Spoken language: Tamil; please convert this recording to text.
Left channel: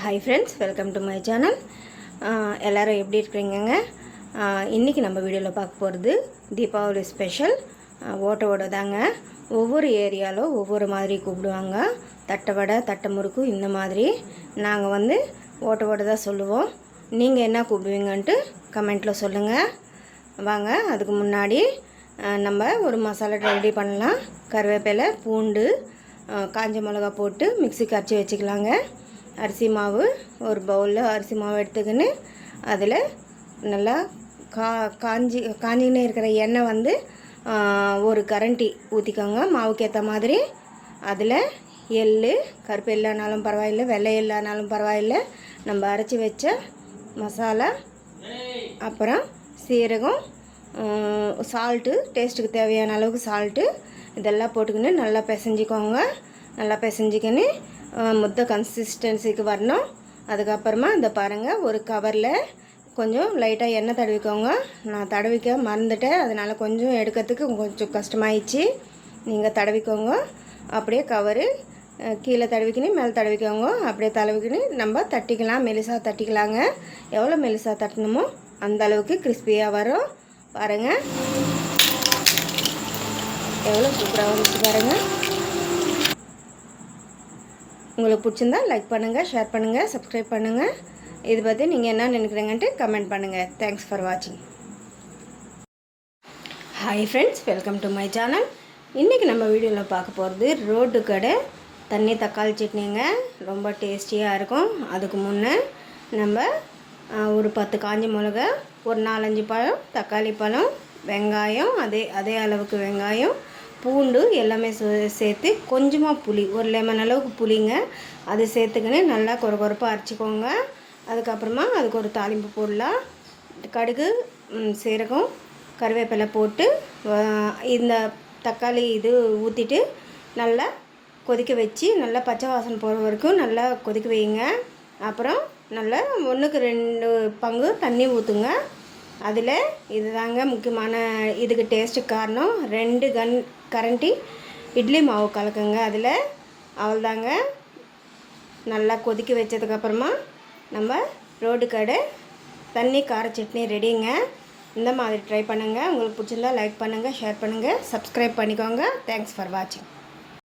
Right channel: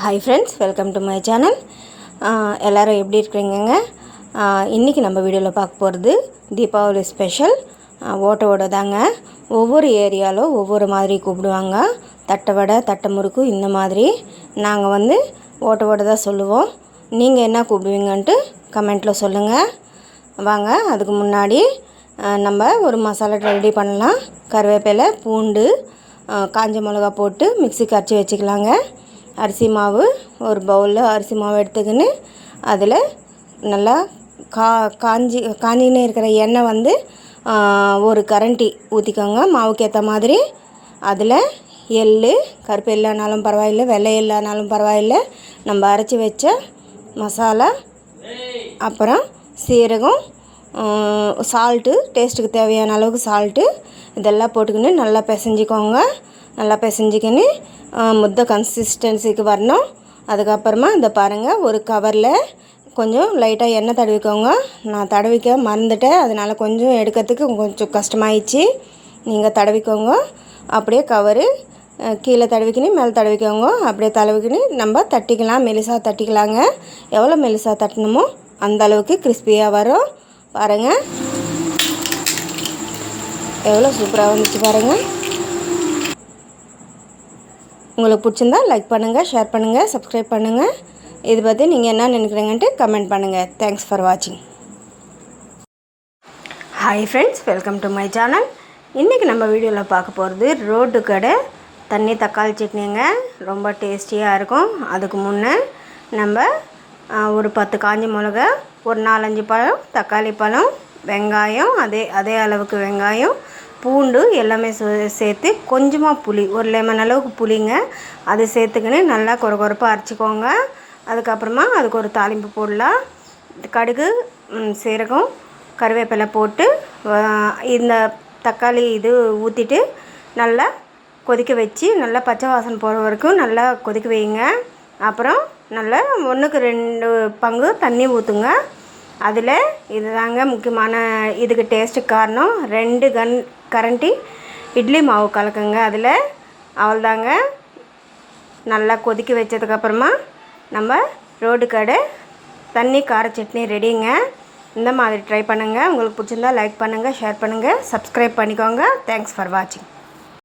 Hi friends, welcome to my channel. எல்லோரும் எப்படி இருக்கிறீங்கங்க? இன்றைக்கி நம்ம வீடியோவில் பார்க்க போகிறது தீபாவளி ஸ்பெஷல் ஓட்ட வடை தாங்க. ஒவ்வொரு ஏரியாவில் ஒவ்வொரு மாதிரி கூப்பிடுவாங்க. தட்டை வடை, தட்டை முறுக்கு, இந்த மாதிரி நாங்கள் ஓட்ட வடை தான் சொல்லுவோம். நீங்கள் என்ன கூப்பிடுவீங்கன்ட்டு கமெண்ட்டில் சொல்லுங்கள். வாங்க, அதுக்கு முன்னாடி நம்ம ஒரு மசாலா ரெடி பண்ணலாம். கருவேப்பிலை, பூண்டு, காஞ்ச மிளகா போட்டு மிக்ஸிக்கு அரைச்சி வச்சுக்கலாங்க. அரிசி மாவு ஒரு பவுலில் அரிசி மாவு எடுத்துக்கின்னு அதில் நல்லா காஞ்சின்னு இருக்கிற எண்ணெய் ஒரு கரண்டி ஊற்றிக்கோங்க. மாவுக்கு ஏற்ற மாதிரி அதில் எள், கருப்பு எள்ளானாலும் பரவாயில்லை, வெள்ளை எள்ளானாலும் பரவாயில்லை, நம்ம அரைச்சி வச்ச மசாலா, அப்புறம் சீரகம், சால்ட்டு, டேஸ்ட்டுக்கு தேவையான அளவுக்கு சால்ட்டு, இதெல்லாம் போட்டுக்கின்னு நல்லா பிசைஞ்சிக்கோங்க. நல்லா பிசைஞ்சிக்கின்னு முட்டை கன்சிஸ்டன்சிக்கு வரணும். அதுக்கப்புறமா இந்த பாருங்கள், ஒரு கவரில் கொஞ்சம் லைட்டாக எண்ணெய் தடவிக்கோங்க. நான் தடவிக்க மறந்துட்டேன், அதனால் கொஞ்சம் எடுக்கிறதுக்கு கொஞ்சம் கஷ்டமாயிடுச்சு. நீங்கள் தடவிக்கோங்க. அப்படியே கவரு கீழே தடவிக்கின்னு மேலே தடவிக்கோங்க. அப்படியே தடவிக்கின்னு நம்ம தட்டிக்கலாம். மெலிசாக தட்டிக்கலாங்க. எவ்வளோ மெலிசாக தட்டணுமோ அந்த அளவுக்கு கிறிஸ்பியாக வரும். பாருங்கள், எவ்வளோ சூப்பராக வந்துச்சு பாருங்கள். உங்களுக்கு பிடிச்சிருந்தா லைக் பண்ணுங்கள், ஷேர் பண்ணுங்கள், சப்ஸ்கிரைப் பண்ணுங்கள். இது பற்றி நீங்கள் என்ன நினைக்கிறீங்கன்ட்டு கமெண்ட் பண்ணுங்கள். தேங்க்ஸ் ஃபார் வாட்சிங். Hi friends, welcome to my channel. இன்றைக்கி நம்ம வீடியோவில் பார்க்க போகிறது ரோட்டு கடை தண்ணி தக்காளி சட்னிங்க. ரொம்ப டேஸ்டியாக இருக்கும். அதுக்கு முன்னே நம்ம ஒரு 10 காஞ்ச மிளகா, ஒரு 4-5 பழம், தக்காளி பழம், வெங்காயம், அதே அளவுக்கு வெங்காயம், பூண்டு எல்லாமே சேர்த்து கொஞ்சமாக புளி, ஒரு லெமன் அளவுக்கு புளிங்க, அது சேர்த்துக்கின்னு நல்லா கொரப்பாக அரைச்சிக்கோங்க. அதுக்கப்புறமா அதுக்கு ஒரு தாளிப்பு போடலாம். கடுகு, சீரகம், கருவேப்பிலை போட்டு இந்த தக்காளி இது ஊற்றிட்டு நல்லா கொதிக்க வச்சு நல்லா பச்சை வாசனை போகிற வரைக்கும் நல்லா கொதிக்க வைங்க. அப்புறம் நல்லா 1க்கு 2 பங்கு தண்ணி ஊற்றுங்க. அதில் இது தாங்க முக்கியமான இதுக்கு டேஸ்ட்டுக்கு காரணம். 2 கரண்டி இட்லி மாவு கலக்குங்க. அதில் அவ்வளோதாங்க. நல்லா கொதிக்க வச்சதுக்கப்புறமா நம்ம ரோட்டு கடை தண்ணி கார சட்னி ரெடிங்க. இந்த மாதிரி ட்ரை பண்ணுங்கள். உங்களுக்கு பிடிச்சிருந்தா லைக் பண்ணுங்கள், ஷேர் பண்ணுங்கள், சப்ஸ்கிரைப் பண்ணிக்கோங்க. தேங்க்ஸ் ஃபார் வாட்சிங்.